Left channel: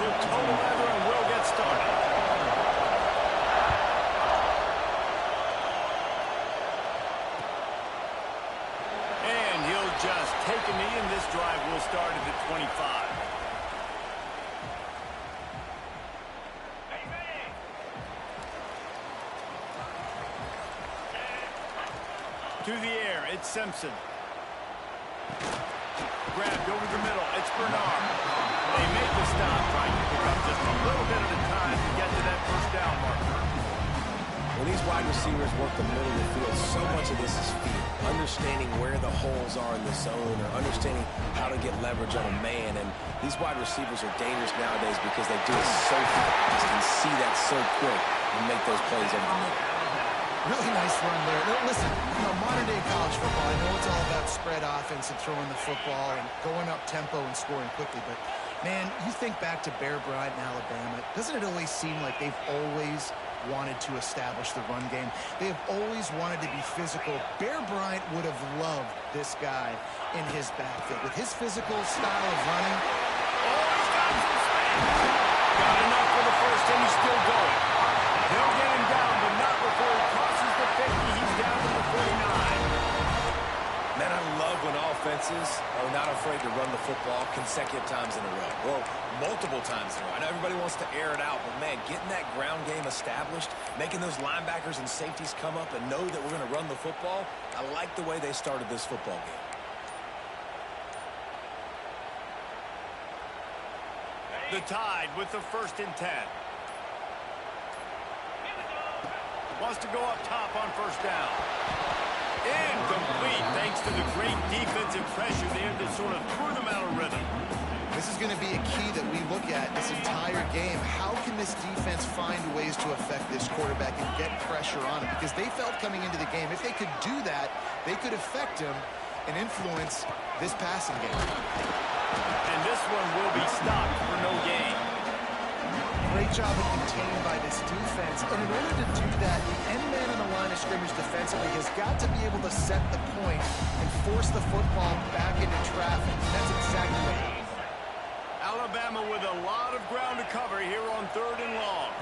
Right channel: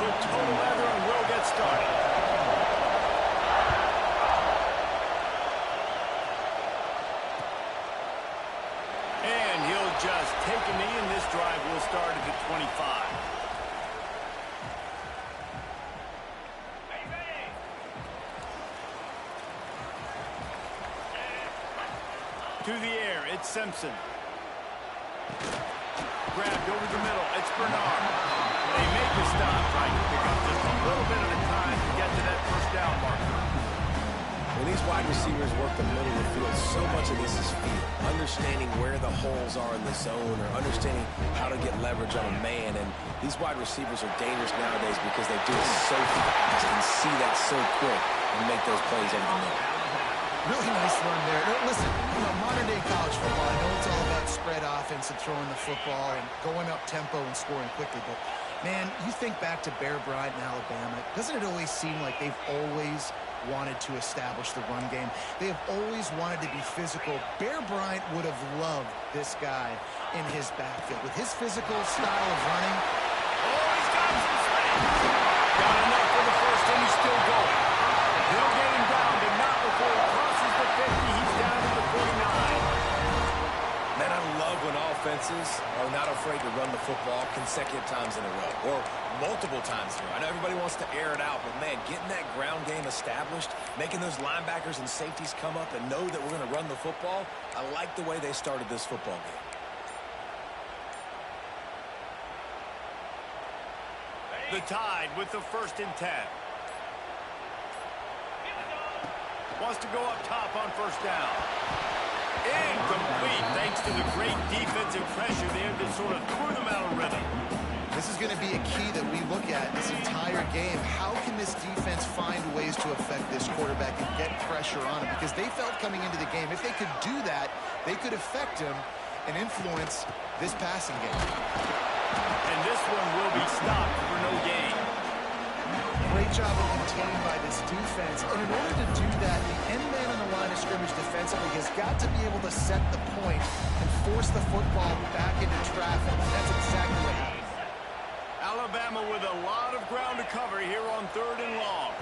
put total leather and we'll get started. And he'll just take a knee, and this drive will start at the 25. To the air, it's Simpson. Grabbed over the middle, it's Bernard. They make the stop, trying to pick up just a little bit at a time to get to that first down marker. When these wide receivers work the middle of the field, so much of this is feel. Understanding where the holes are in the zone, or understanding how to get leverage on a man. And these wide receivers are dangerous nowadays because they do it so fast and see that so quick and make those plays over the middle. Really nice run there. Now, listen, modern-day college football, I know it's all about spread offense and throwing the football and going up tempo and scoring quickly, but, man, you think back to Bear Bryant in Alabama, doesn't it always seem like they've always wanted to establish the run game? They have always wanted to be physical. Bear Bryant would have loved this guy in his backfield. With his physical style of running. Oh, he's got some space. Got enough for the first, and he's still going. They'll get him down, but not before he crosses the 50. He's down to the 49. Man, I love when offenses are not afraid to run the football consecutive times in a row, or multiple times in a row. I know everybody wants to air it out, but, man, getting that ground game established, making those linebackers and safeties come up and know that we're going to run the football, I like the way they started this football game. The Tide with the 1st and 10. Wants to go up top on first down. Incomplete, thanks to the great defensive pressure there that sort of threw them out of rhythm. This is going to be a key that we look at this entire game. How can this defense find ways to affect this quarterback and get pressure on him? Because they felt coming into the game, if they could do that, they could affect him and influence this passing game. And this one will be stopped for no gain. Great job of contained by this defense. And in order to do that, the end man on the line of scrimmage defensively has got to be able to set the point and force the football back into traffic. That's exactly what happened. Alabama with a lot of ground to cover here on 3rd and long.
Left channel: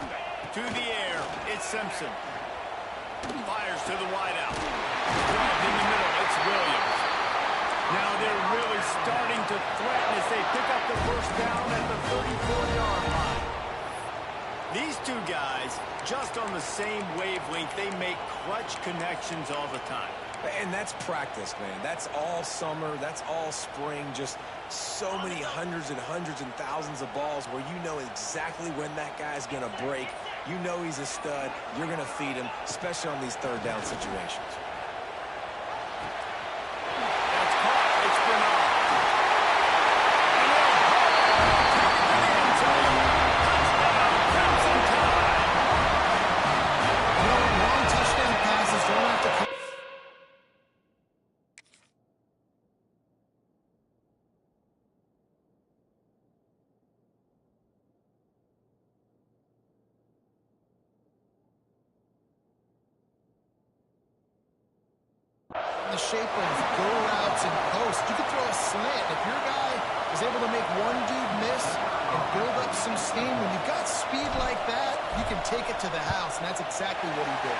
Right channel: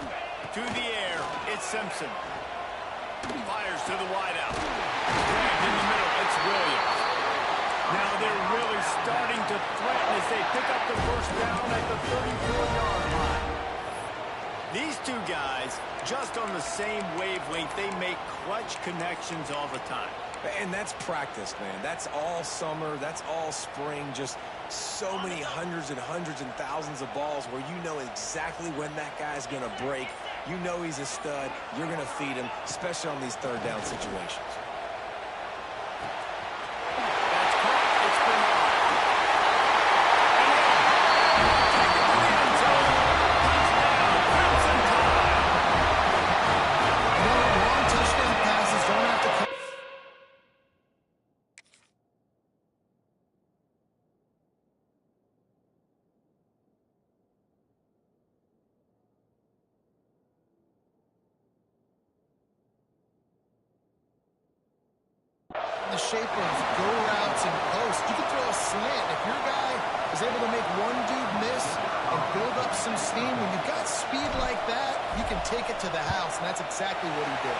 To the air, it's Simpson. Fires to the wideout. Grabbed in the middle, it's Williams. Now they're really starting to threaten as they pick up the first down at the 34-yard line. These two guys, just on the same wavelength, they make clutch connections all the time. And that's practice, man. That's all summer. That's all spring. Just so many hundreds and hundreds and thousands of balls where you know exactly when that guy's going to break. You know he's a stud. You're going to feed him, especially on these 3rd down situations. That's caught. It's Bernard. And they'll take it to the end zone. Touchdown, Crimson Tide. Long touchdown passes don't have to come. In the shape of go routes and posts. You can throw a slant. If your guy is able to make one dude miss and build up some steam, when you've got speed like that, you can take it to the house, and that's exactly what he did.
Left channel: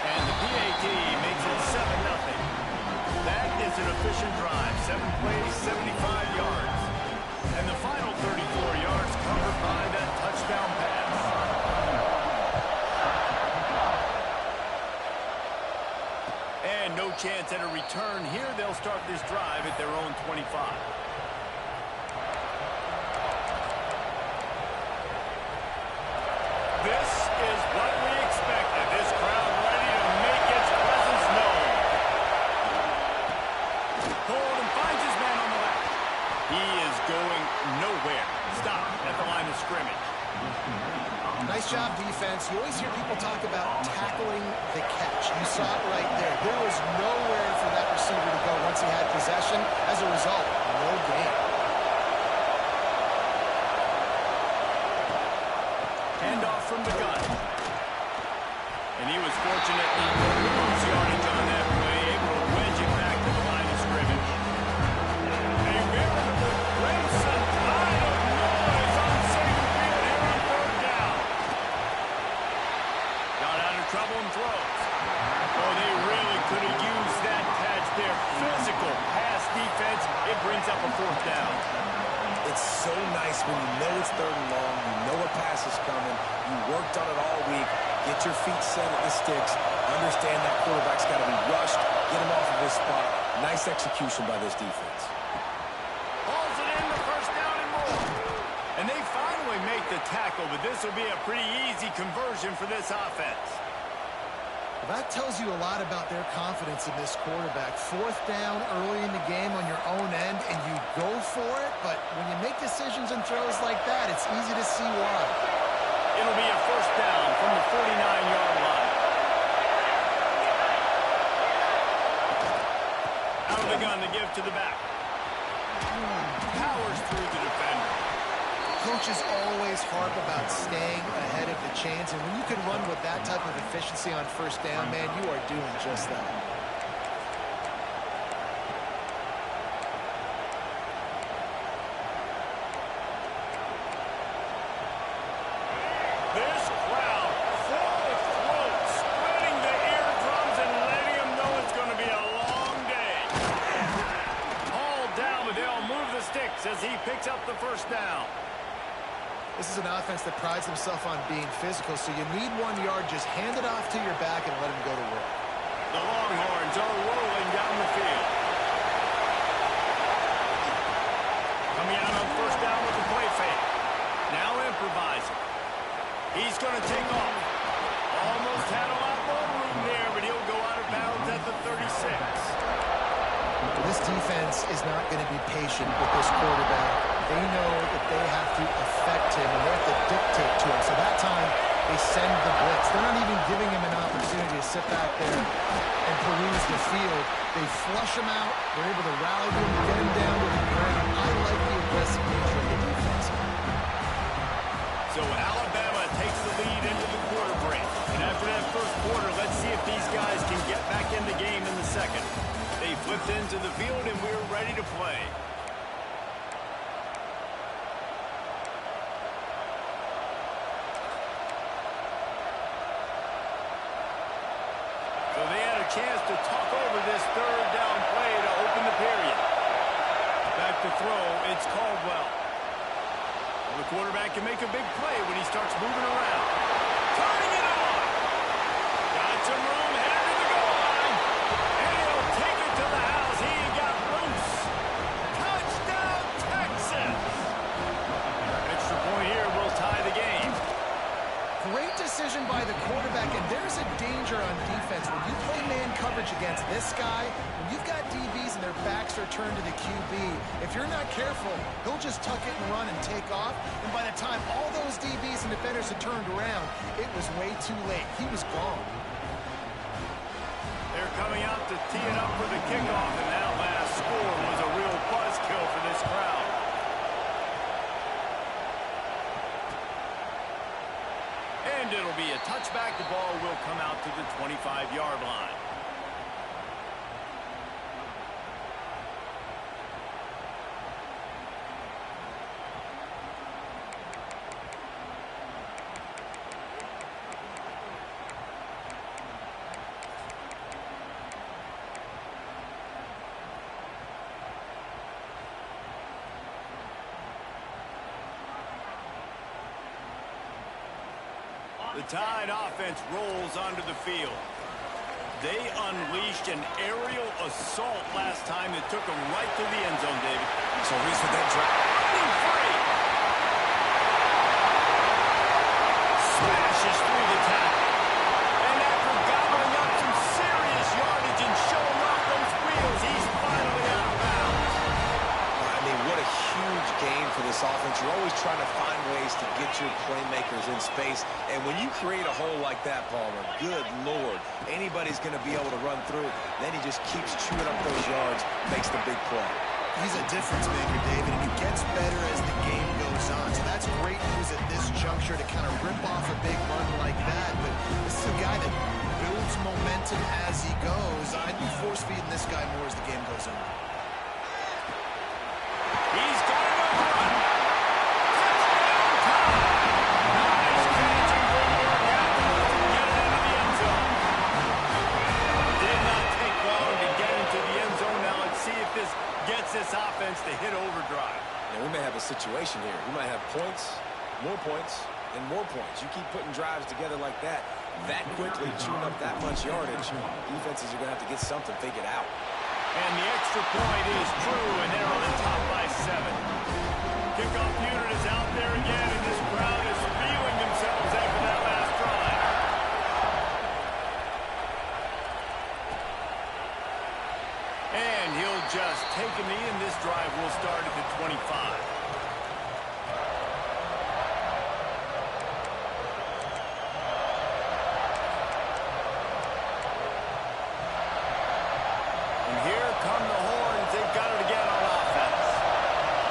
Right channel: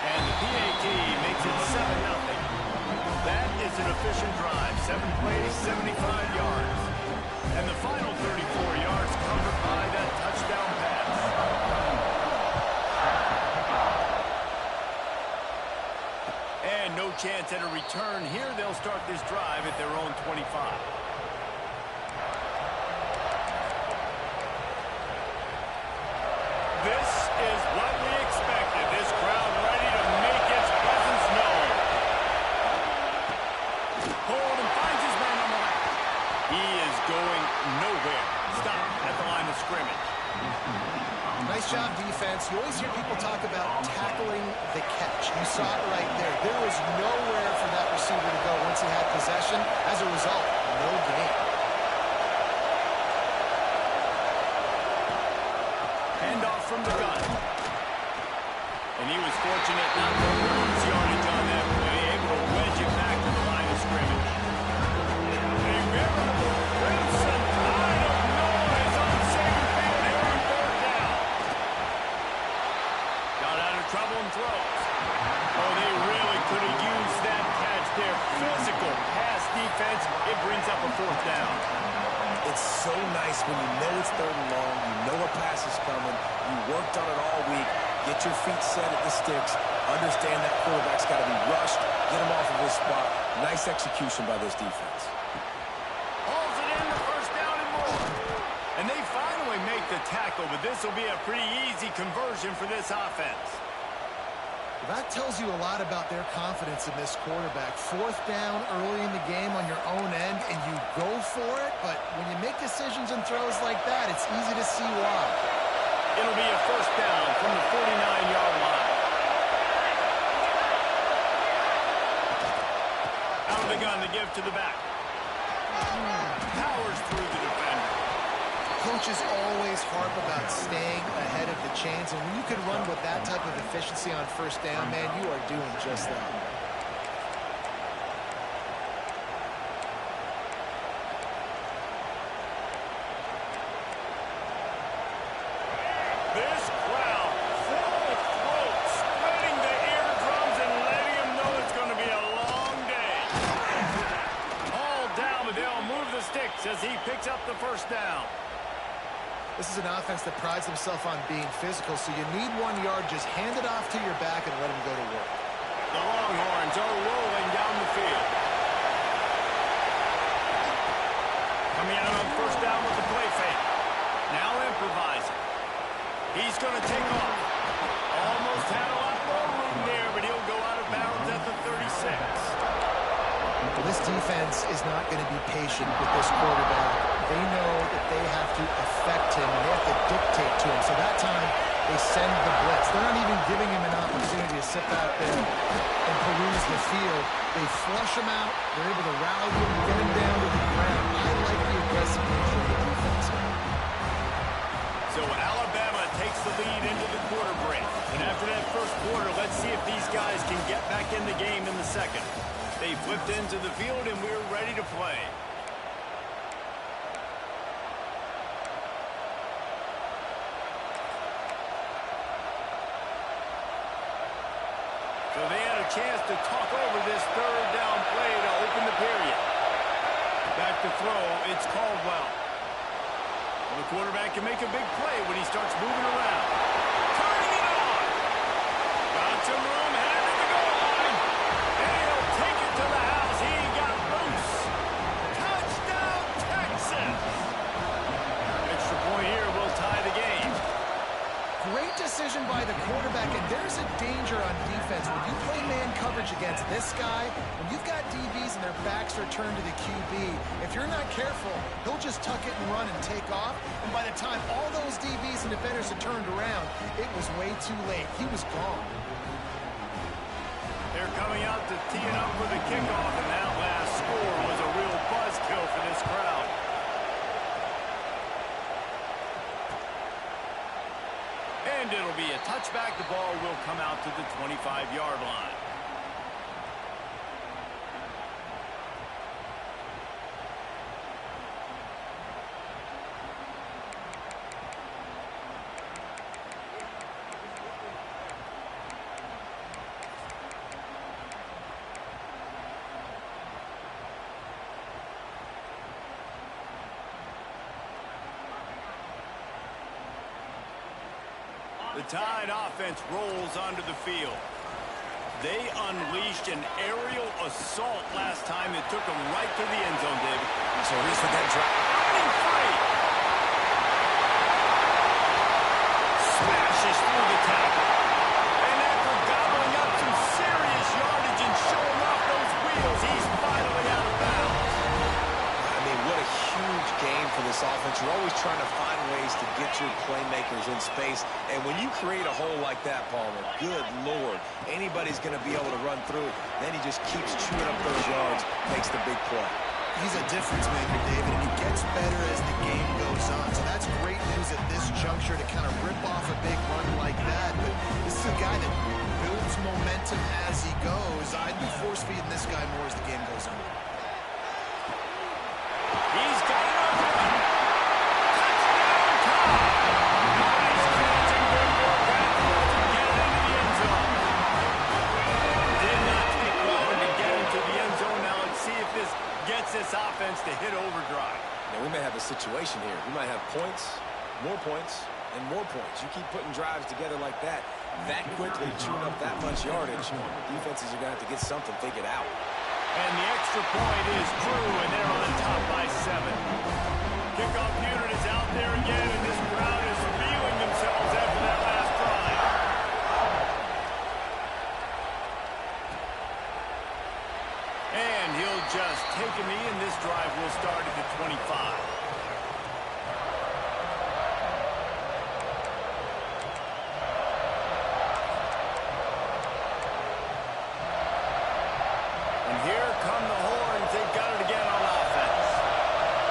And the PAT makes it 7-0. That is an efficient drive. 7 plays, 75 yards. And the final 34 yards covered by that touchdown pass. And no chance at a return here. They'll start this drive at their own 25. This is what we expected. This crowd ready to make its presence known. Pulled and finds his man on the left. He is going nowhere. Stop at the line of scrimmage. Nice job, defense. You always hear people talk about tackling the catch. You saw it right there. There was nowhere for that receiver to go once he had possession. As a result, no gain. Handoff from the gun. And he was fortunate not to lose yardage on that play, able to wedge it back to the line of scrimmage. A veritable crimson tide of noise on Saban when you know it's 3rd and long, you know a pass is coming, you worked on it all week, get your feet set at the sticks, understand that quarterback's got to be rushed, get him off of his spot. Nice execution by this defense. Hauls it in, the first down and more. And they finally make the tackle, but this will be a pretty easy conversion for this offense. Well, that tells you a lot about their confidence in this quarterback. 4th down early in the game on your own end, and you go for it, but when you make decisions and throws like that, it's easy to see why. It'll be a first down from the 49-yard line. Out of the gun to give to the back. Powers through the defender. Coaches always harp about staying ahead of the chains, and when you can run with that type of efficiency on first down, man, you are doing just that. This crowd, full throat, spreading the eardrums and letting them know it's going to be a long day. All down, but they'll move the sticks as he picks up the first down. This is an offense that prides themselves on being physical, so you need 1 yard, just hand it off to your back and let him go to work. The Longhorns are rolling down the field. Coming out on first down with the play fake. Now improvising. He's going to take off. Almost had a lot more room there, but he'll go out of bounds at the 36. This defense is not going to be patient with this quarterback. They know that they have to affect him, and they have to dictate to him. So that time, they send the blitz. They're not even giving him an opportunity to sit back there and peruse the field. They flush him out. They're able to rally him, get him down to the ground. I like the aggressive nature of the defense. So Alabama takes the lead into the quarter break. And after that first quarter, let's see if these guys can get back in the game in the second. They flipped into the field, and we're ready to play. So they had a chance to talk over this 3rd down play to open the period. Back to throw, it's Caldwell. Well, the quarterback can make a big play when he starts moving around. Turning it on. Got some room, headed to the goal line. And he'll take it to the house. He got loose. Touchdown, Texas. Extra point here will tie the game. Great decision by the quarterback, and there's a danger on defense. When you play man coverage against this guy, when you've got DBs and their backs are turned to the QB, if you're not careful, he'll just tuck it and run and take off, and by the time all those DBs and defenders had turned around, it was way too late. He was gone. They're coming out to tee it up for the kickoff, and that last score was a real buzzkill for this crowd. And it'll be a touchback. The ball will come out to the 25-yard line. The Tide offense rolls onto the field. They unleashed an aerial assault last time that took them right to the end zone, David. So Reese with that drop. Running free. Smashes through the tackle. And after gobbling up some serious yardage and showing off those wheels, he's finally out of bounds. I mean, what a huge game for this offense. You're always trying to find ways to get your playmakers in space. And when you create a hole like that, Palmer, good Lord, anybody's going to be able to run through it. Then he just keeps chewing up those yards, makes the big play. He's a difference maker, David, and he gets better as the game goes on. So that's great news at this juncture to kind of rip off a big run like that. But this is a guy that builds momentum as he goes. I'd be force-feeding this guy more as the game goes on. He's got it on the run. Touchdown, Tide. Nice catch and good work afterwards to get it into the end zone. Did not take long to get into the end zone. Now let's see if this gets this offense to hit overdrive. Now, we may have a situation situation here. We might have points, and more points. You keep putting drives together like that quickly, chewing up that much yardage, defenses are going to have to get something figured out. And the extra point is true, and they're on top by 7. Kickoff unit is out there again, and this crowd is feeling themselves after that last drive. And he'll just take a knee, and this drive will start at the 25. And here come the horns. They've got it again on offense.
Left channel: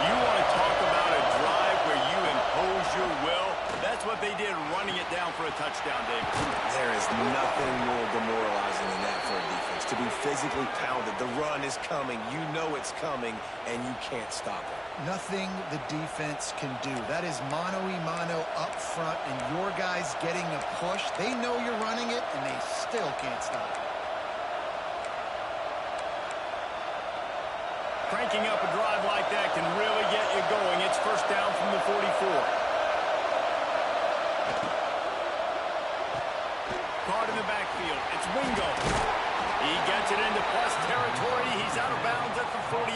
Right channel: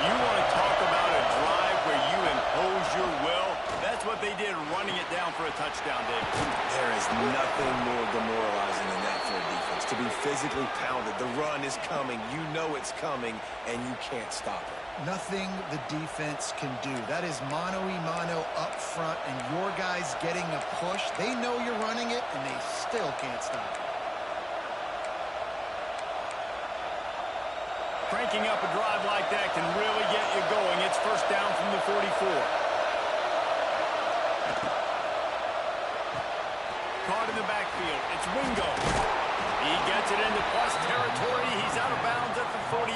You want to talk about a drive where you impose your will? That's what they did, running it down for a touchdown, David. There is nothing more demoralizing than that for a defense. To be physically pounded. The run is coming. You know it's coming, and you can't stop it. Nothing the defense can do. That is mano-a-mano up front, and your guys getting a push. They know you're running it, and they still can't stop it. Cranking up a drive like that can really get you going. It's first down from the 44. Caught in the backfield. It's Wingo. He gets it into plus territory. He's out of bounds at the 48.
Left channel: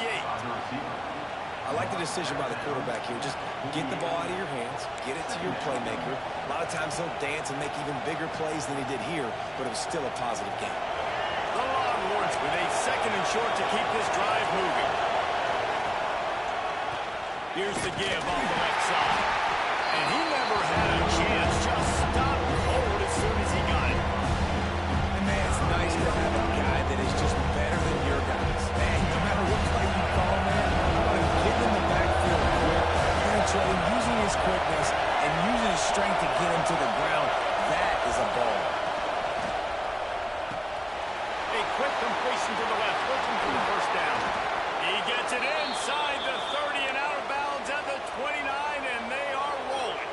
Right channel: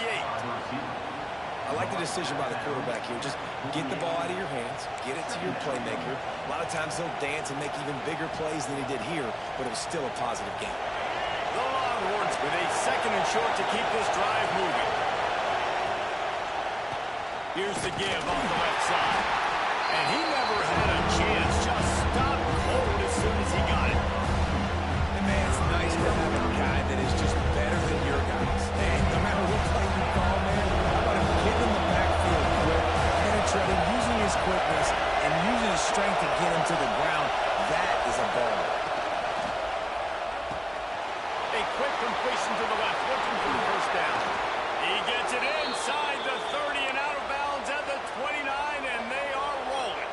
I like the decision by the quarterback here. Just get the ball out of your hands, get it to your playmaker. A lot of times he'll dance and make even bigger plays than he did here, but it was still a positive game. The Longhorns with a 2nd and short to keep this drive moving. Here's the give off the left side. And he never had a chance. Just stopped cold as soon as he got it. And man, it's nice to have a guy that is just better than your guys. And no matter what play you call, man, how about him getting in the backfield quick, penetrating, using his quickness, and using his strength to get him to the ground. That is a ball. A quick completion to the left, looking for the first down. He gets it inside the 30 and out of bounds at the 29, and they are rolling.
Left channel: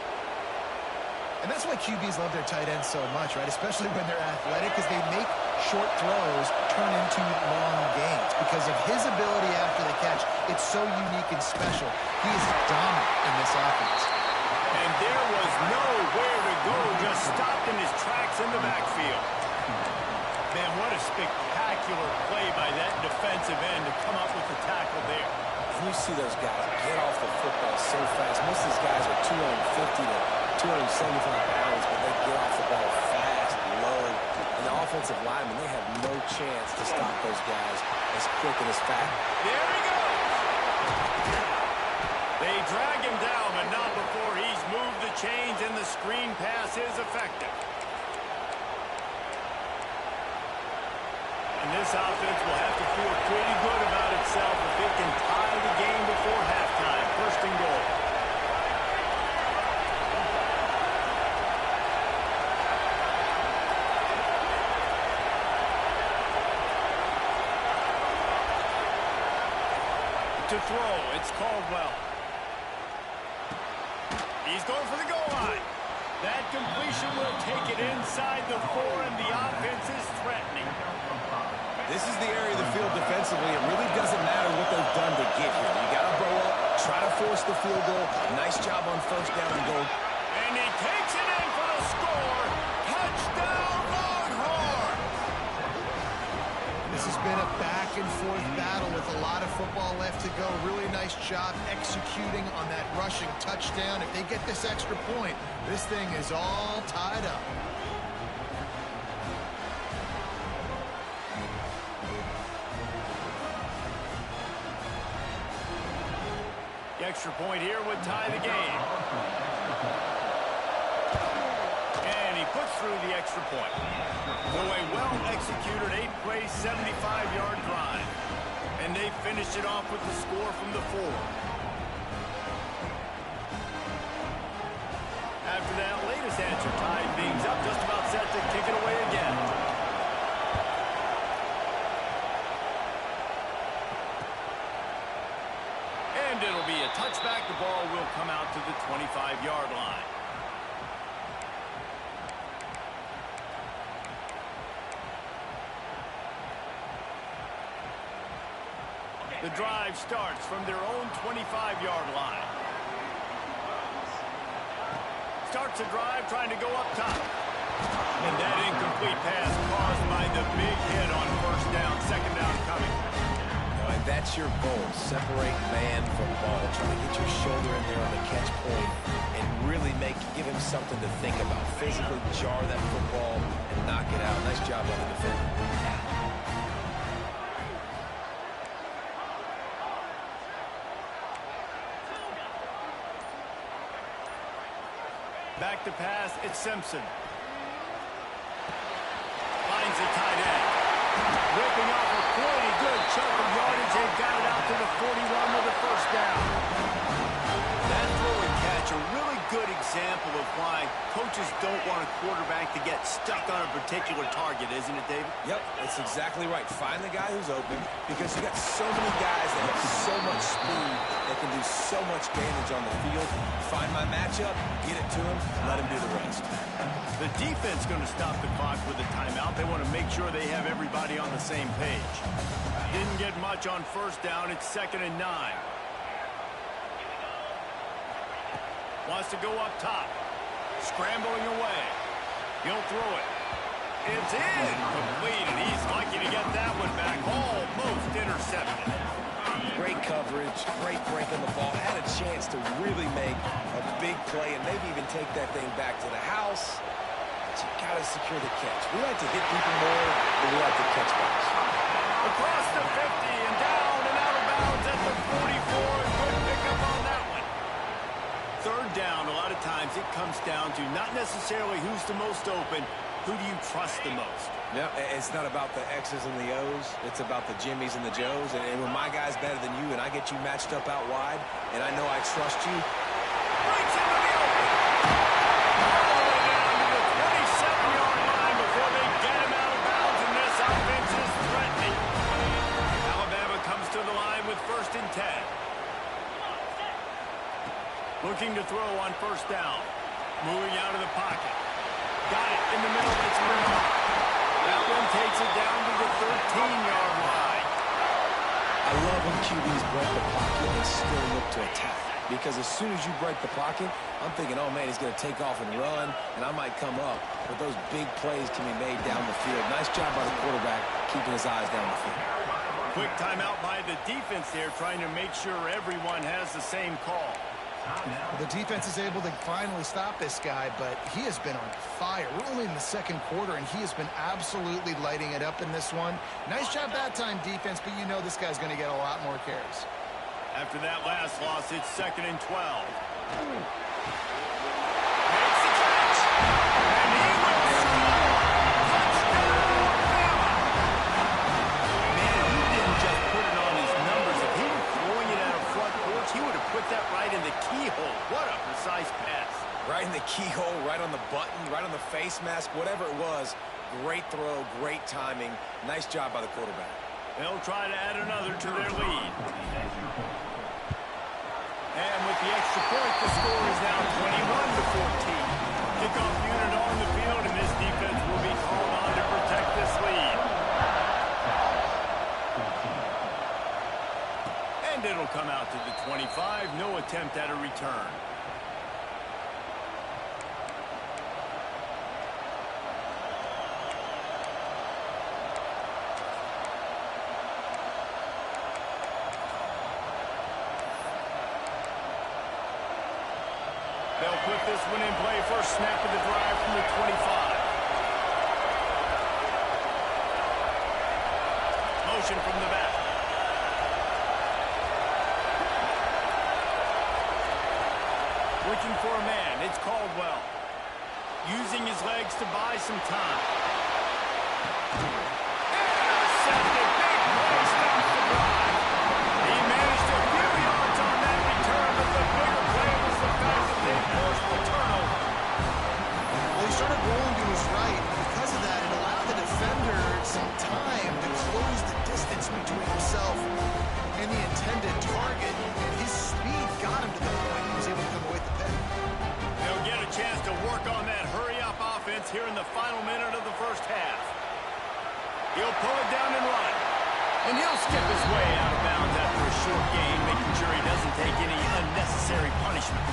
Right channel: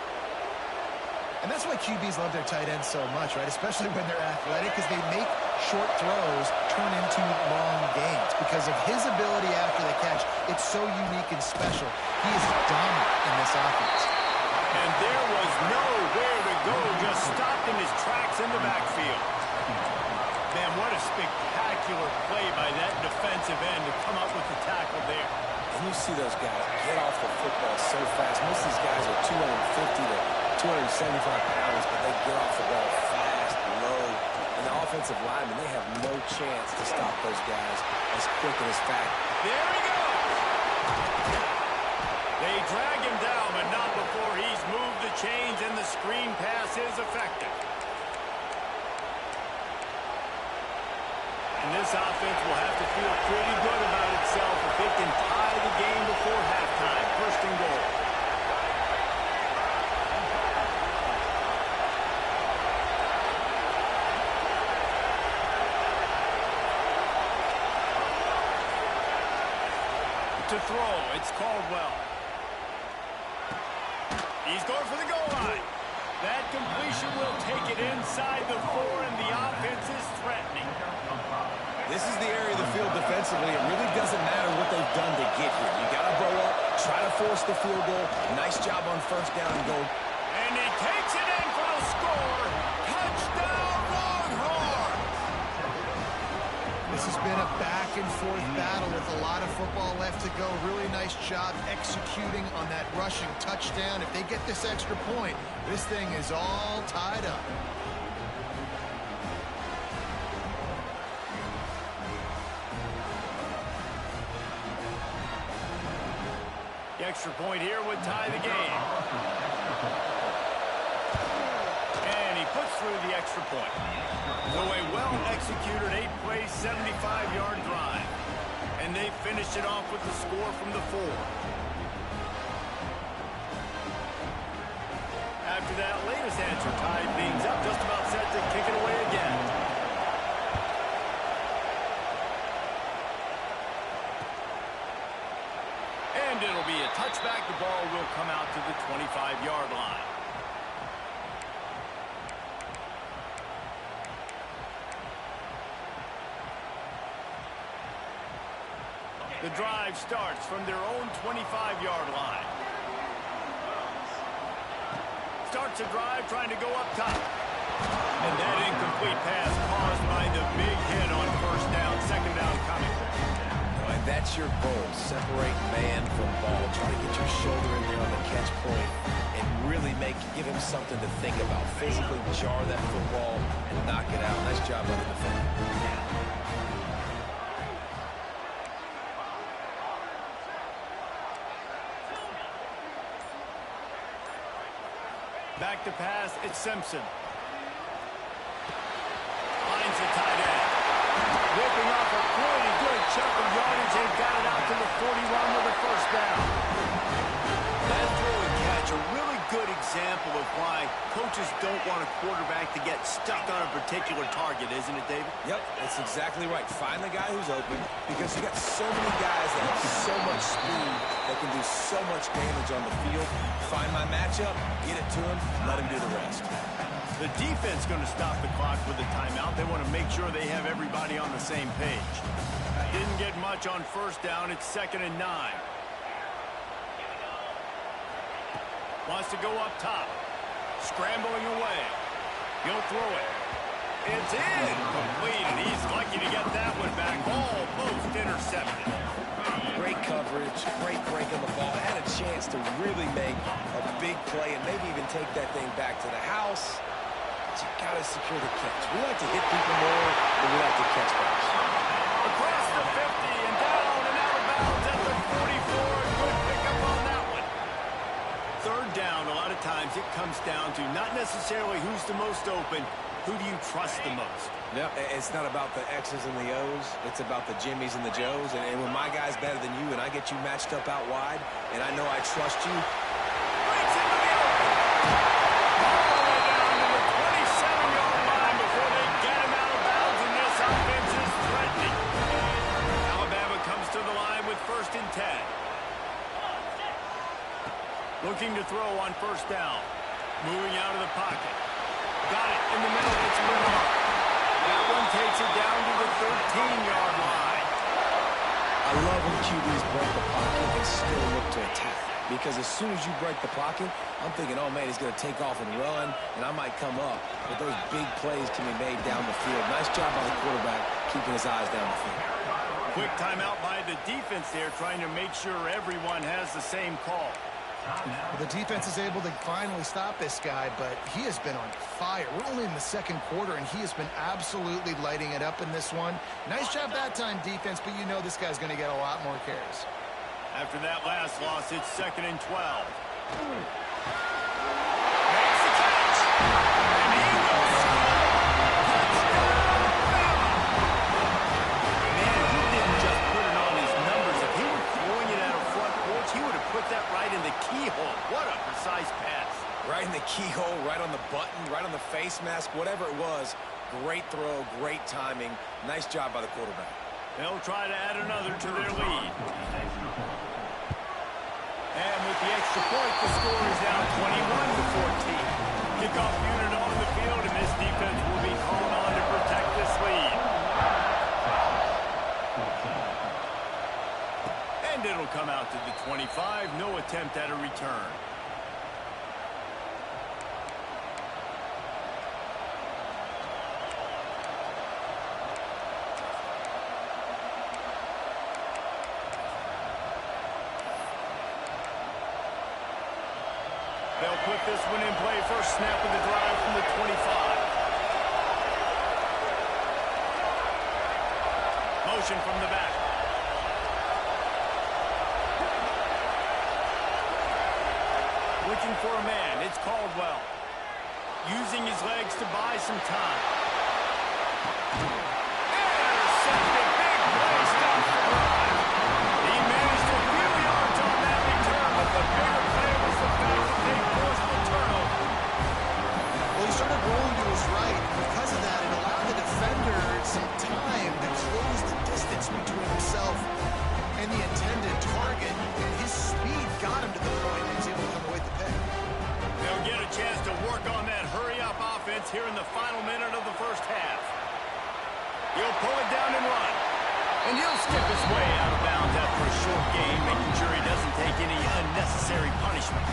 And that's why QBs love their tight ends so much, right? Especially when they're athletic, because they make short throws turn into long gains. Because of his ability after the catch, it's so unique and special. He is dominant in this offense. And there was nowhere to go, just stopped in his tracks in the backfield. Man, what a spectacular play by that defensive end to come up with the tackle there. And you see those guys get off the football so fast. Most of these guys are 250 to 275 pounds, but they get off the ball fast, low. And the offensive linemen, they have no chance to stop those guys as quick and as fast. There he goes. They drag him down, but not before he's moved the chains, and the screen pass is effective. And this offense will have to feel pretty good about itself if it can tie the game before halftime. First and goal. To throw, it's Caldwell. He's going for the goal line. That completion will take it inside the 4, and the offense is threatening. This is the area of the field defensively. It really doesn't matter what they've done to get here. You got to blow up, try to force the field goal. Nice job on first down and goal. And he takes it in for the score. Touchdown, Longhorns! This has been a back-and-forth battle with a lot of football left to go. Really nice job executing on that rushing touchdown. If they get this extra point, this thing is all tied up. The extra point here would tie the game. And he puts through the extra point. So a well-executed 8-play, 75-yard drive. And they finished it off with the score from the 4. After that latest answer tied things up, just about set to kick it away again. And it'll be a touchback. The ball will come out to the 25-yard line. The drive starts from their own 25-yard line. Starts a drive trying to go up top. And that incomplete pass caused by the big hit on first down. Second down coming. And that's your goal. Separate man from ball. Try to get your shoulder in there on the catch point and really give him something to think about. Physically jar that football and knock it out. Nice job by the defender. Back to pass, it's Simpson. Finds the tight end. Ripping off a pretty good chunk of yardage. They've got it out to the 41 with a first down. That throw and catch, a really good example of why coaches don't want a quarterback to get stuck on a particular target, isn't it, David? Yep, that's exactly right. Find the guy who's open because you got so many guys that have so much speed that can do so much damage on the field. Find my matchup, get it to him, let him do the rest. The defense going to stop the clock with a timeout. They want to make sure they have everybody on the same page. Didn't get much on first down. It's 2nd and 9. Wants to go up top. Scrambling away. He'll throw it. It's incomplete, and he's lucky to get that one back. Almost intercepted. Great coverage, great break on the ball. Had a chance to really make a big play and maybe even take that thing back to the house. But you got to secure the catch. We like to hit people more than we like to catch balls. Across the 50 and down and out of bounds at the 44. Good pickup on that one. Third down, a lot of times it comes down to not necessarily who's the most open, who do you trust the most? Yep, it's not about the X's and the O's. It's about the Jimmies and the Joes. And when my guy's better than you and I get you matched up out wide and I know I trust you. Breaks into the open. All the way down to the 27-yard line before they get him out of bounds, and this offense is threatening. Alabama comes to the line with 1st and 10. Looking to throw on first down. Moving out of the pocket. Got it in the middle. It's Bernard. That one takes it down to the 13-yard line. I love when QBs break the pocket and still look to attack. Because as soon as you break the pocket, I'm thinking, oh, man, he's going to take off and run, and I might come up. But those big plays can be made down the field. Nice job by the quarterback keeping his eyes down the field. Quick timeout by the defense there, trying to make sure everyone has the same call. The defense is able to finally stop this guy, but he has been on fire. We're only in the 2nd quarter, and he has been absolutely lighting it up in this one. Nice job that time, defense, but you know this guy's going to get a lot more carries. After that last loss, it's 2nd and 12. Makes the catch, and he will score. Touchdown, Bama! Man, he didn't just put it on his numbers. If he were throwing it at a front porch, he would have put that right in the keyhole. What a precise pass. Right in the keyhole, right on the button, right on the face mask, whatever it was. Great throw, great timing. Nice job by the quarterback. They'll try to add another to their lead. And with the extra point, the score is now 21-14. Kickoff unit on the field, and this defense will be called on to protect this lead. And it'll come out to the 25. No attempt at a return. They'll put this one in play. First snap of the drive from the 25. Motion from the back. Looking for a man. It's Caldwell. Using his legs to buy some time. Intercepted. Big play. Stops the drive. He managed a few yards on that return, but the bigger play was the fact that they forced the turnover. Well, he started rolling to his right, and because of that, it allowed the defender some time to close the distance between himself and the intended target, and his speed got him to the point he was able to come away with the pick. They'll get a chance to work on that hurry-up offense here in the final minute of the first half. He'll pull it down and run. And he'll skip his way out of bounds after a short gain, making sure he doesn't take any unnecessary punishment.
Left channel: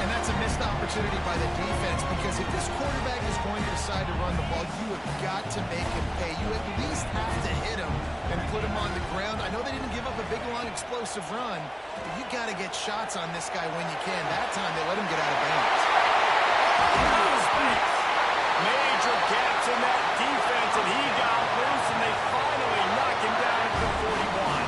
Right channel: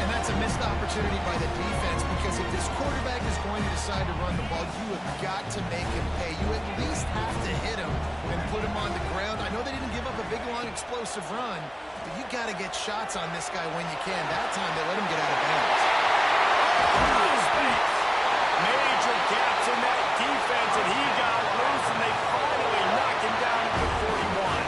And that's a missed opportunity by the defense, because if this quarterback is going to decide to run the ball, you have got to make him pay. You at least have to hit him and put him on the ground. I know they didn't give up a big, long, explosive run, but you got to get shots on this guy when you can. That time they let him get out of bounds. Space. Major gaps in that defense, and he got loose, and they finally knock him down at the 41.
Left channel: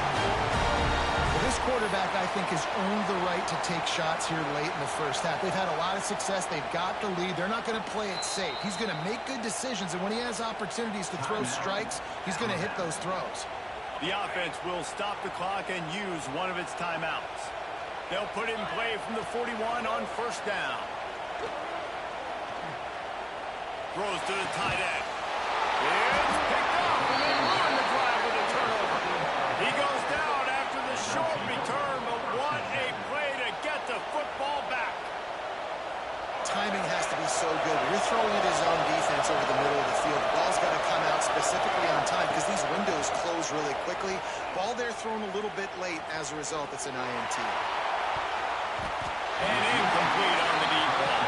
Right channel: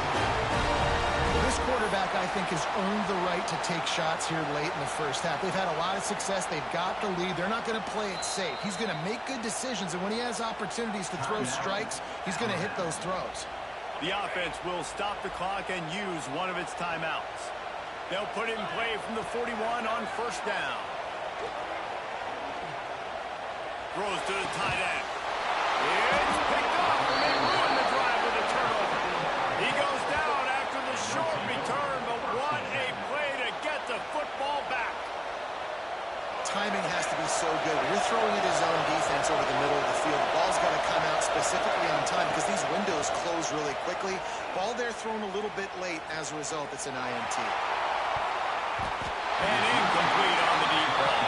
Well, this quarterback, I think, has earned the right to take shots here late in the first half. They've had a lot of success. They've got the lead. They're not going to play it safe. He's going to make good decisions, and when he has opportunities to throw strikes, he's going to hit those throws. The offense will stop the clock and use one of its timeouts. They'll put it in play from the 41 on first down. Throws to the tight end. It's picked up, and they ruin the drive with a turnover. He goes down after the short return, but what a play to get the football back. Timing has to be so good. When you're throwing it his own defense over the middle of the field, the ball's got to come out specifically on time, because these windows close really quickly. Ball there thrown a little bit late. As a result, it's an INT. And incomplete on the deep ball.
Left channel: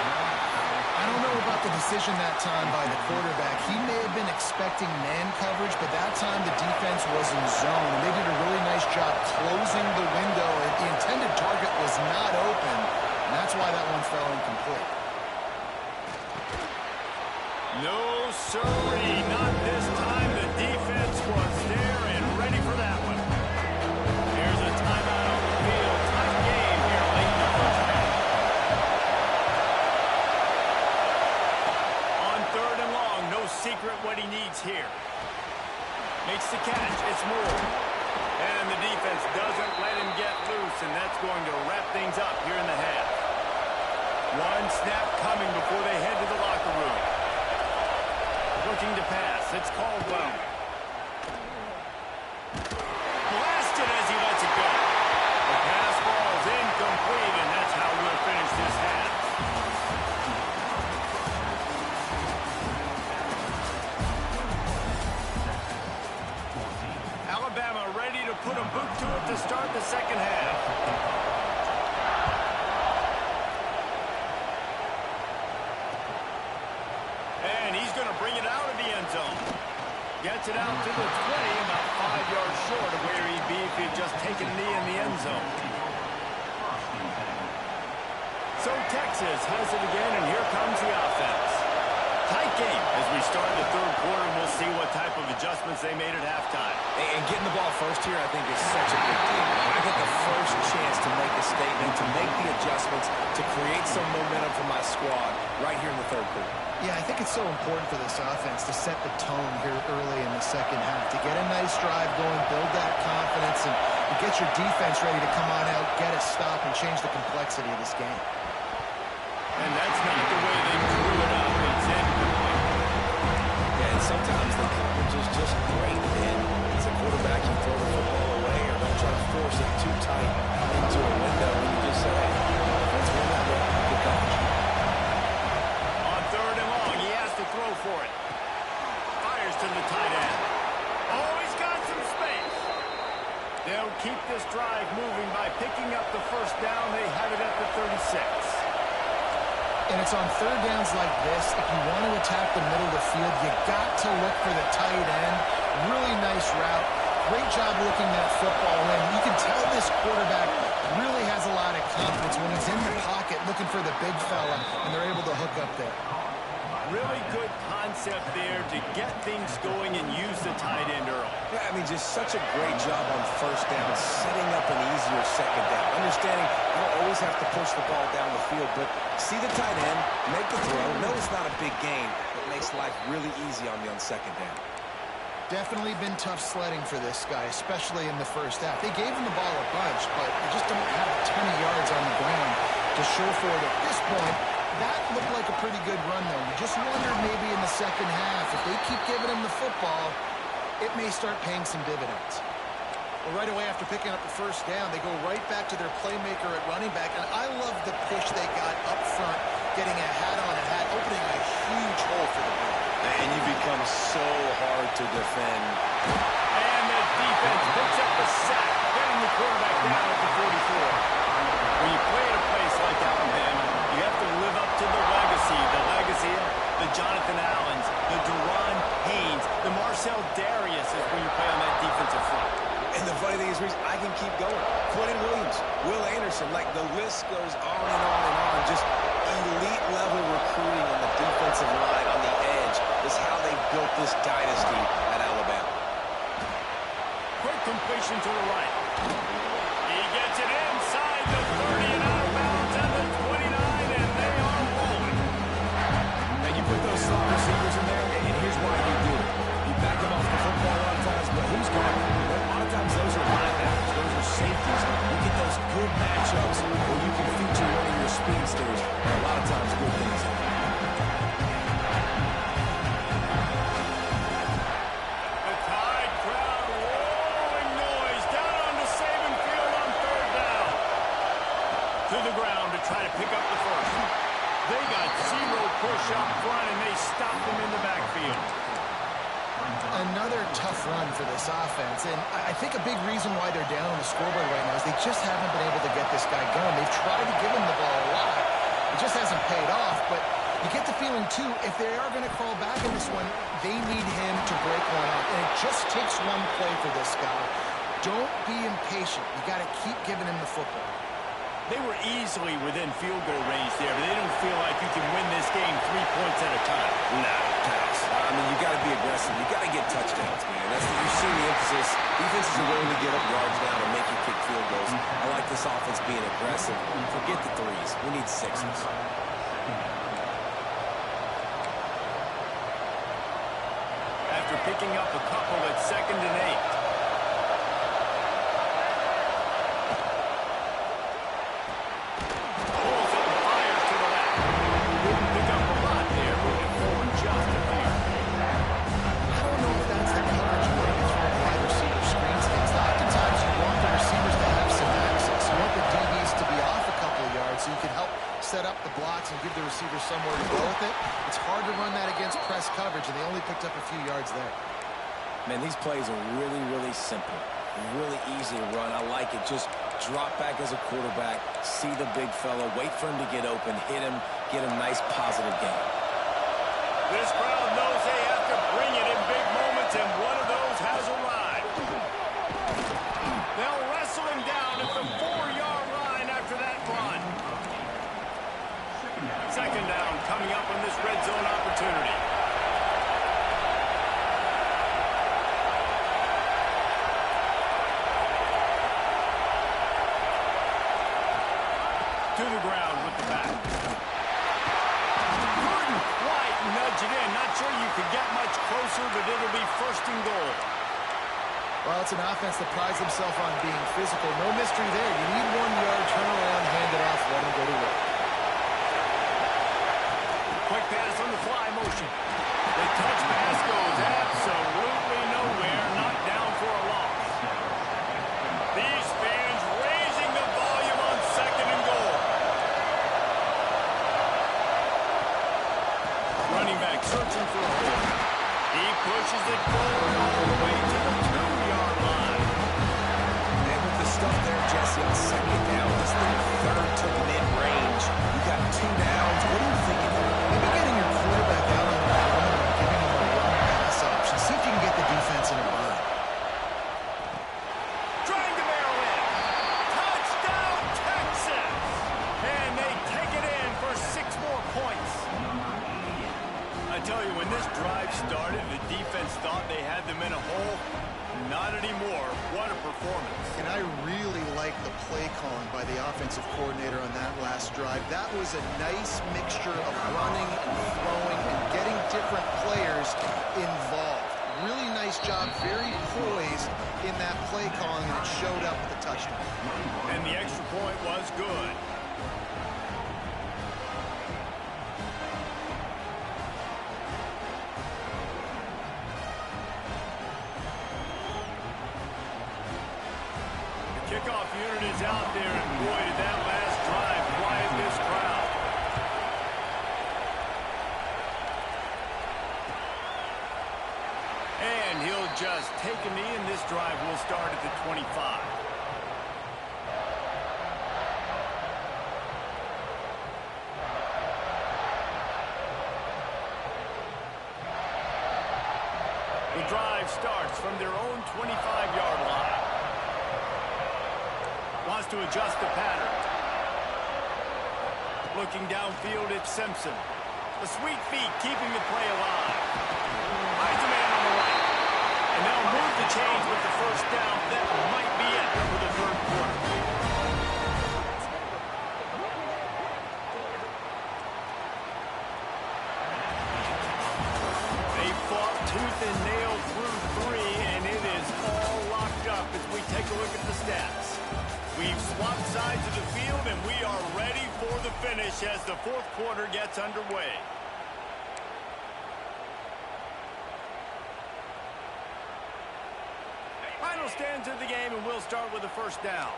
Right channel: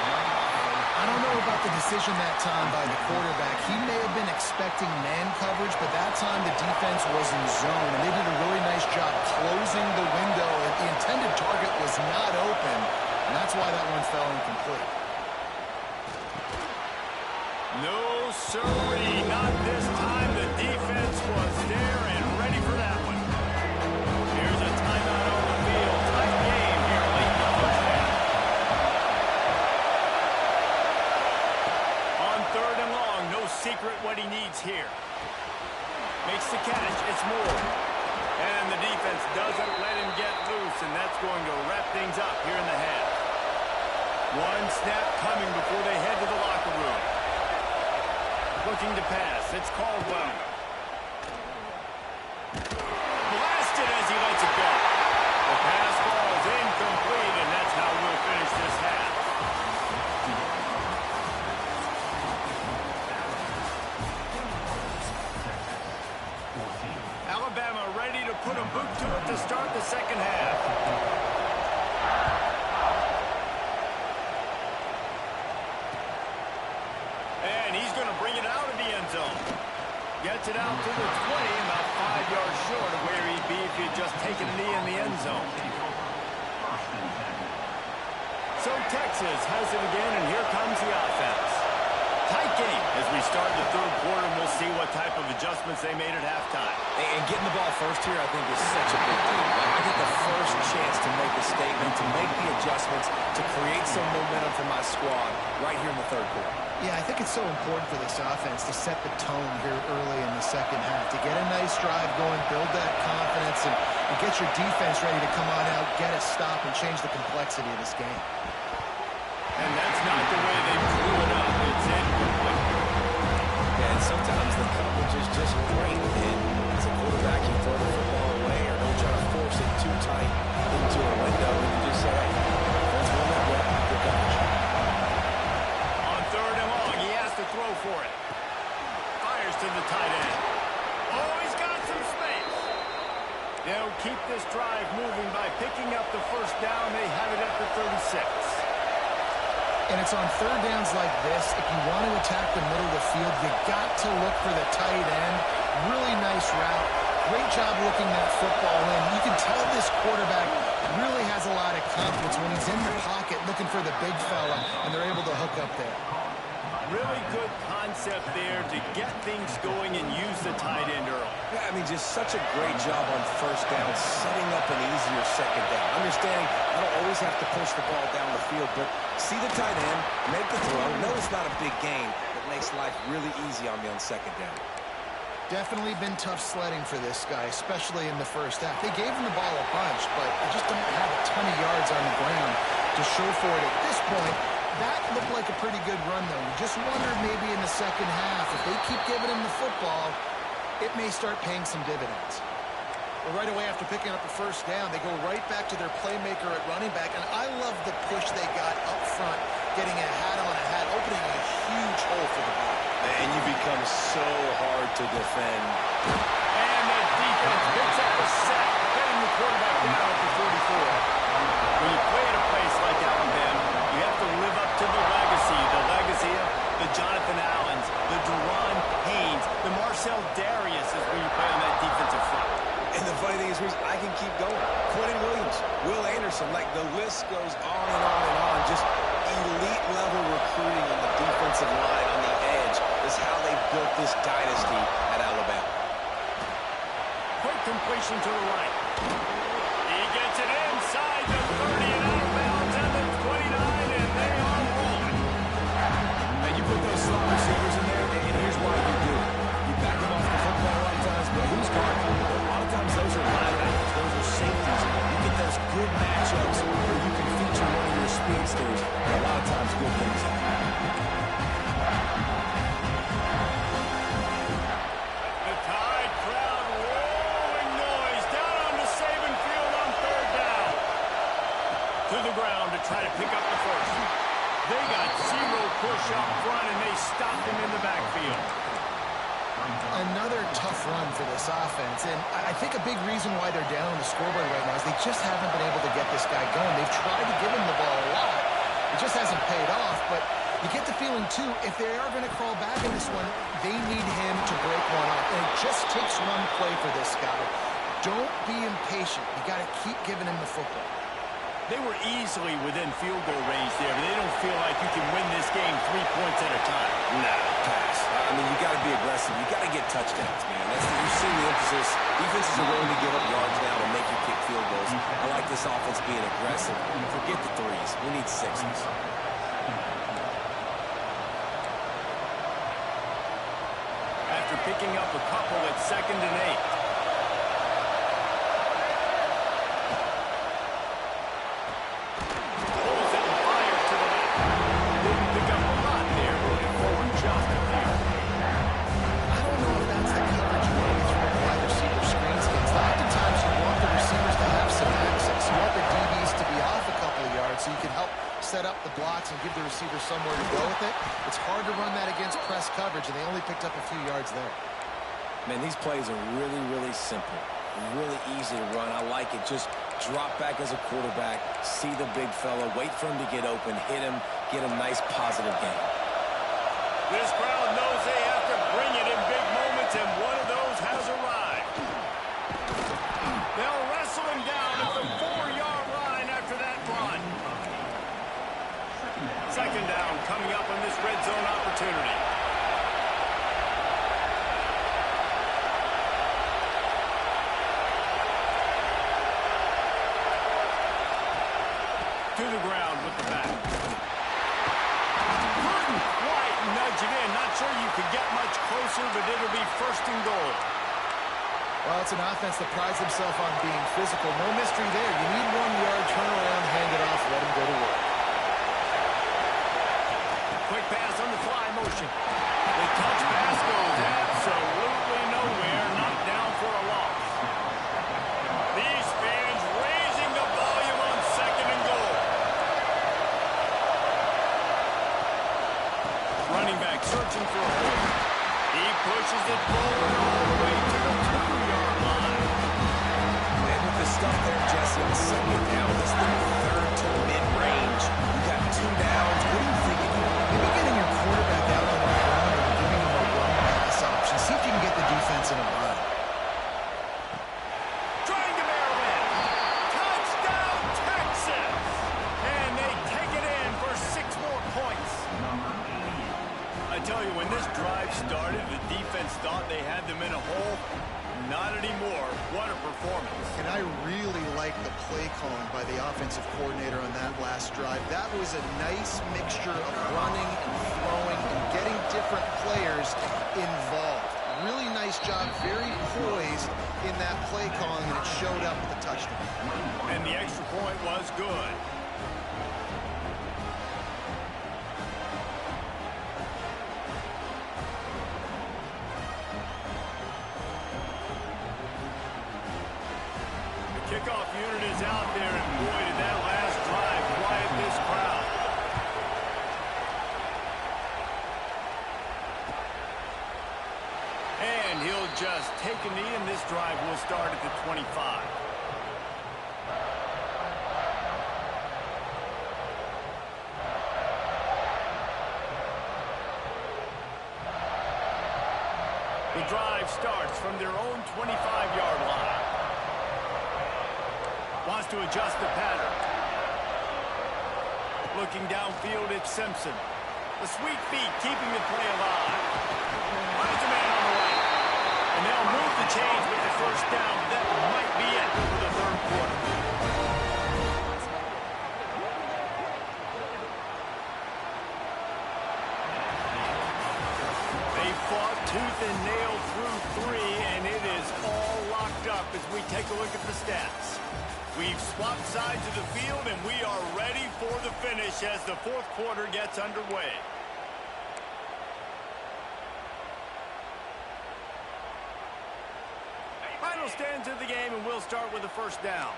I don't know about the decision that time by the quarterback. He may have been expecting man coverage, but that time the defense was in zone, and they did a really nice job closing the window. The intended target was not open, and that's why that one fell incomplete. No, sirree, not this time. The defense was there and ready for that one. Here's a timeout on the field. Tight game here late in the first half. On third and long, no secret what he needs here. Makes the catch. It's Moore. And the defense doesn't let him get loose, and that's going to wrap things up here in the half. One snap coming before they head to the locker room. Looking to pass. It's Caldwell. Blasted as he lets it go. The pass falls incomplete, and that's how we'll finish this half. Alabama ready to put a boot to it to start the second half. And he's going to bring it out of the end zone. Gets it out to the 20, about 5 yards short of where he'd be if he'd just taken a knee in the end zone. So Texas has it again, and here comes the offense. Tight game as we start the third quarter, and we'll see what type of adjustments they made at halftime. And getting the ball first here, I think, is such a big deal. Like, I get the first chance to make a statement, to make the adjustments, to create some momentum for my squad right here in the third quarter. Yeah, I think it's so important for this offense to set the tone here early in the second half, to get a nice drive going, build that confidence, and get your defense ready to come on out, get a stop, and change the complexity of this game. And that's not the way they drew it up. It's incomplete. Yeah, and sometimes the coverage is just great. And as a quarterback, you throw the football away or don't try to force it too tight into a window, and you just say, hey, let's run that way. Good coverage. On third and long, he has to throw for it. Fires to the tight end. Oh, he's got some space. They'll keep this drive moving by picking up the first down. They have it at the 36. And it's on third downs like this, if you want to attack the middle of the field, you got to look for the tight end. Really nice route. Great job looking that football in. You can tell this quarterback really has a lot of confidence when he's in the pocket looking for the big fella, and they're able to hook up there. Really good concept there to get things going and use the tight end early. Yeah, I mean, just such a great job on first down, setting up an easier second down. Understanding I don't always have to push the ball down the field, but see the tight end, make the throw. No, it's not a big gain, but makes life really easy on me on second down. Definitely been tough sledding for this guy, especially in the first half. They gave him the ball a bunch, but they just don't have a ton of yards on the ground to show for it at this point. That looked like a pretty good run, though. You just wondered maybe in the second half, if they keep giving him the football, it may start paying some dividends. Well, right away after picking up a first down, they go right back to their playmaker at running back, and I love the push they got up front, getting a hat on a hat, opening a huge hole for the ball. And you become so hard to defend. And the defense picks up a sack, getting the quarterback down at the 44. When you play at a place like Alabama, you You have to live up to the legacy of the Jonathan Allens, the Deron Haynes, the Marcel Darius is when you play on that defensive front. And the funny thing is, Reese, I can keep going. Quentin Williams, Will Anderson, like the list goes on and on and on. Just elite level recruiting on the defensive line, on the edge, is how they built this dynasty at Alabama. Quick completion to the right. He gets it inside the 30 and out of bounds at the 29, and they are rolling. And you put those slot receivers in there, and here's why you do it. You back them off the football a lot of times, but who's guarding them? A lot of times those are linebackers, those are safeties. You get those good matchups where you can feature one of your speedsters, and a lot of times good things happen. The Tide crowd rolling noise down onto Saban Field on third down. To the ground to try to pick up the first. They got zero push up front, and they stopped him in the backfield. Another tough run for this offense, and I think a big reason why they're down on the scoreboard right now is they just haven't been able to get this guy going. They've tried to give him the ball a lot. It just hasn't paid off, but you get the feeling, too, if they are going to crawl back in this one, they need him to break one off, and it just takes one play for this guy. Don't be impatient. You got to keep giving him the football. They were easily within field goal range there, but they don't feel like you can win this game 3 points at a time. Nah, pass. I mean, you got to be aggressive. You got to get touchdowns, man. You've seen the emphasis. Defenses are willing to give up yards now to make you kick field goals. I like this offense being aggressive. Forget the threes. We need sixes. After picking up a couple at 2nd and 8. So you can help set up the blocks and give the receiver somewhere to go with it. It's hard to run that against press coverage, and they only picked up a few yards there. Man, these plays are really, really simple. Really easy to run. I like it. Just drop back as a quarterback, see the big fella, wait for him to get open, hit him, get a nice positive gain. This crowd knows they have to bring it in big moments, and one of those has arrived. They'll wrestle him down at the 4-yard line after that run. 2nd down coming up on this red zone opportunity. To the ground with the back. Couldn't quite nudge it in. Not sure you could get much closer, but it'll be 1st and goal. Well, it's an offense that prides themselves on being physical. No mystery there. You need 1 yard, turn around, hand it off, let him go to work. Quick pass on the fly motion. The touch pass goes absolutely nowhere. Knocked down for a loss. These fans raising the volume on 2nd and goal. Running back searching for a hole. He pushes it forward all the way to the 2-yard line. And with the stuff there, Jesse, on 2nd down, this thing 3rd to mid-range. You got 2 downs. What are you thinking here? Maybe getting your quarterback out on the perimeter and giving him a run-pass option. See if you can get the defense in a bind. Trying to barrel in. Touchdown, Texas! And they take it in for 6 more points. I tell you, when this drive started, the defense thought they had them in a hole. Not anymore. What a performance. And I really like the play calling by the offensive coordinator on that last drive. That was a nice mixture of running and throwing and getting different players involved. Really nice job, very poised in that play calling, and it showed up with the touchdown. And the extra point was good. Kickoff unit is out there, and boy, did that last drive quiet this crowd. And he'll just take a knee, and this drive will start at the 25. The drive starts from their own 25-yard line. Wants to adjust the pattern. Looking downfield, it's Simpson. The sweet feet keeping the play alive. Finds a man on the right. And they'll move the chains with the first down. That might be it for the third quarter. They fought tooth and nail through 3, and it is all locked up as we take a look at the stats. We've swapped sides of the field, and we are ready for the finish as the fourth quarter gets underway. Final stands of the game, and we'll start with the first down.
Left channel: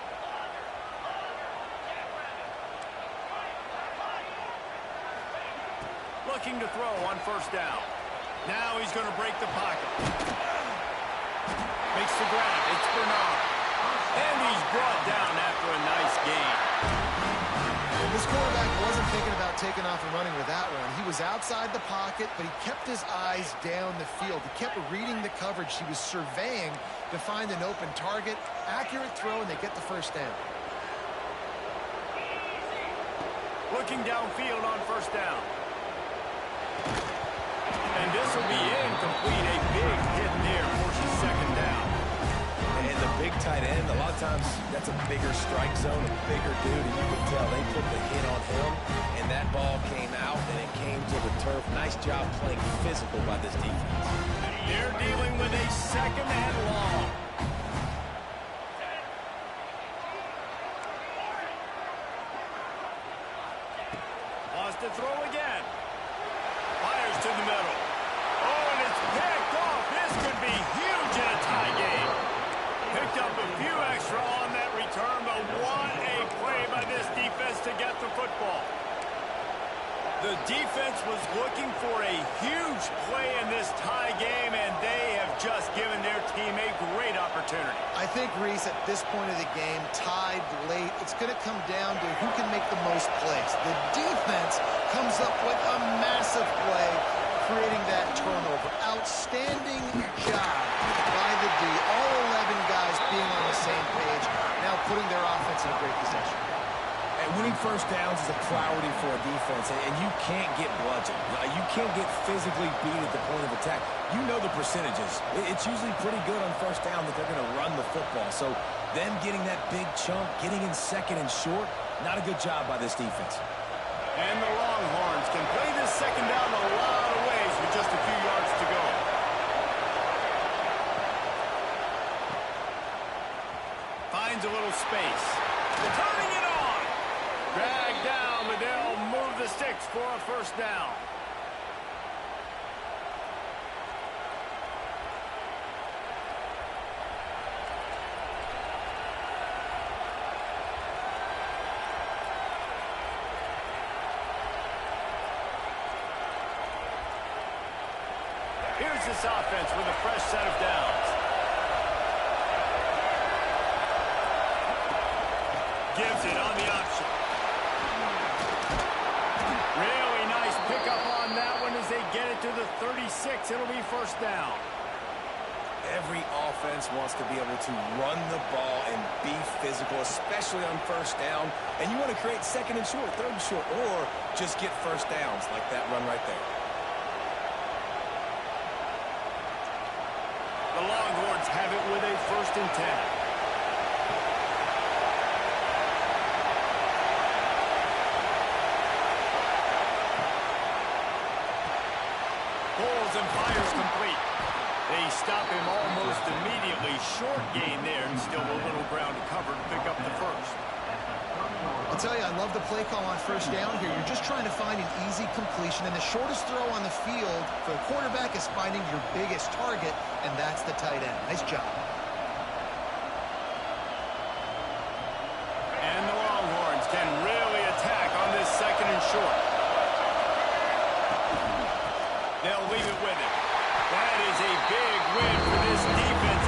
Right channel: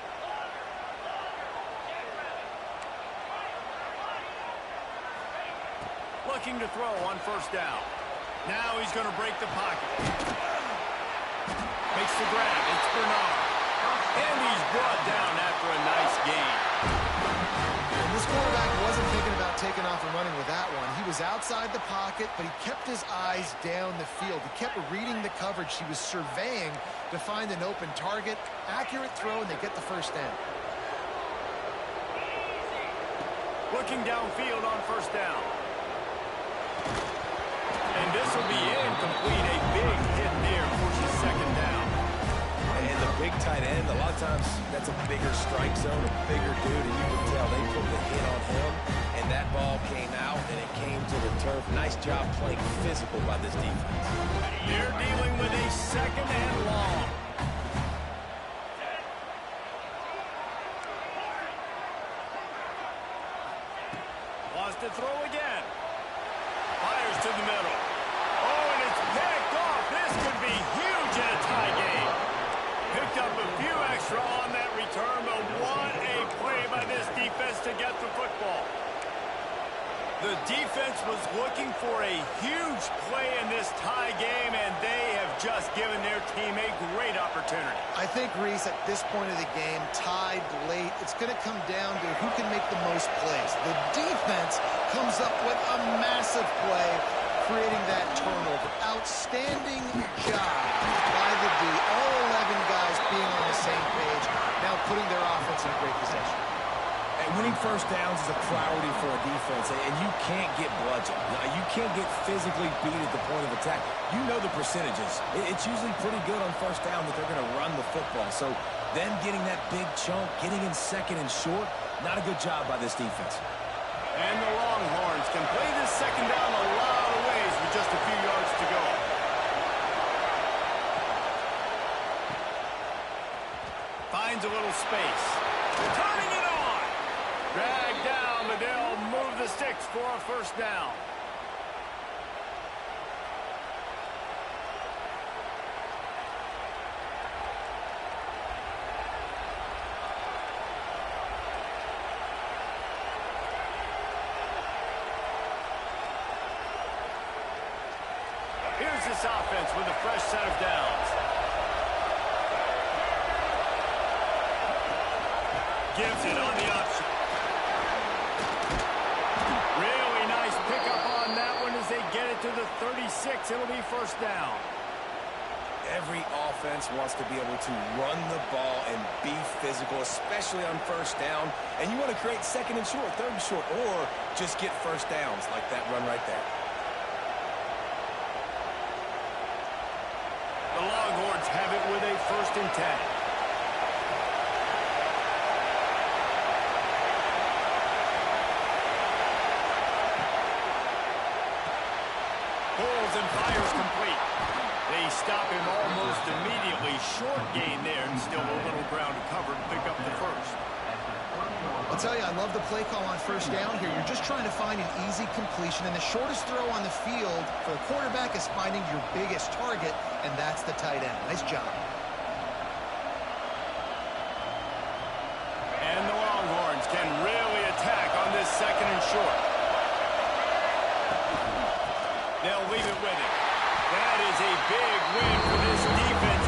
Looking to throw on first down. Now he's going to break the pocket. Makes the grab. It's Bernard. And he's brought down after a nice gain. And this quarterback wasn't thinking about taking off and running with that one. He was outside the pocket, but he kept his eyes down the field. He kept reading the coverage. He was surveying to find an open target. Accurate throw, and they get the first down. Looking downfield on first down. And this will be incomplete. A big hit there forces second down. And the big tight end, a lot of times that's a bigger strike zone, a bigger dude, and you can tell they put the hit on him, and that ball came out, and it came to the turf. Nice job playing physical by this defense. They're dealing with a second and long. Wants to throw again. Fires to the middle. Oh, and it's picked off. This could be huge in a tie game. Picked up a few extra on that return, but what a play by this defense to get the football. The defense was looking for a huge play in this tie game, and they have just given their team a great opportunity. I think, Reese, at this point of the game, tied late, it's going to come down to who can make the most plays. The defense comes up with a massive play, creating that turnover. Outstanding job by the D. All 11 guys being on the same page, now putting their offense in a great possession. And winning first downs is a priority for a defense, and you can't get bludgeoned. You can't get physically beat at the point of attack. You know the percentages. It's usually pretty good on first down that they're going to run the football. So them getting that big chunk, getting in second and short, not a good job by this defense. And the Longhorns can play this second down a lot of ways with just a few yards to go. Finds a little space. Turning it on. Dragged down, but they'll move the sticks for a first down. Here's this offense with a fresh set of downs. Gives it on the option. Really nice pickup on that one as they get it to the 36. It'll be first down. Every offense wants to be able to run the ball and be physical, especially on first down. And you want to create second and short, third and short, or just get first downs like that run right there. The Longhorns have it with a 1st and 10. Pulls and fires complete. They stop him almost immediately. Short gain there, and still a little ground to cover to pick up the first. I'll tell you, I love the play call on first down here. You're just trying to find an easy completion, and the shortest throw on the field for the quarterback is finding your biggest target, and that's the tight end. Nice job. And the Longhorns can really attack on this second and short. They'll leave it with him. That is a big win for this defense.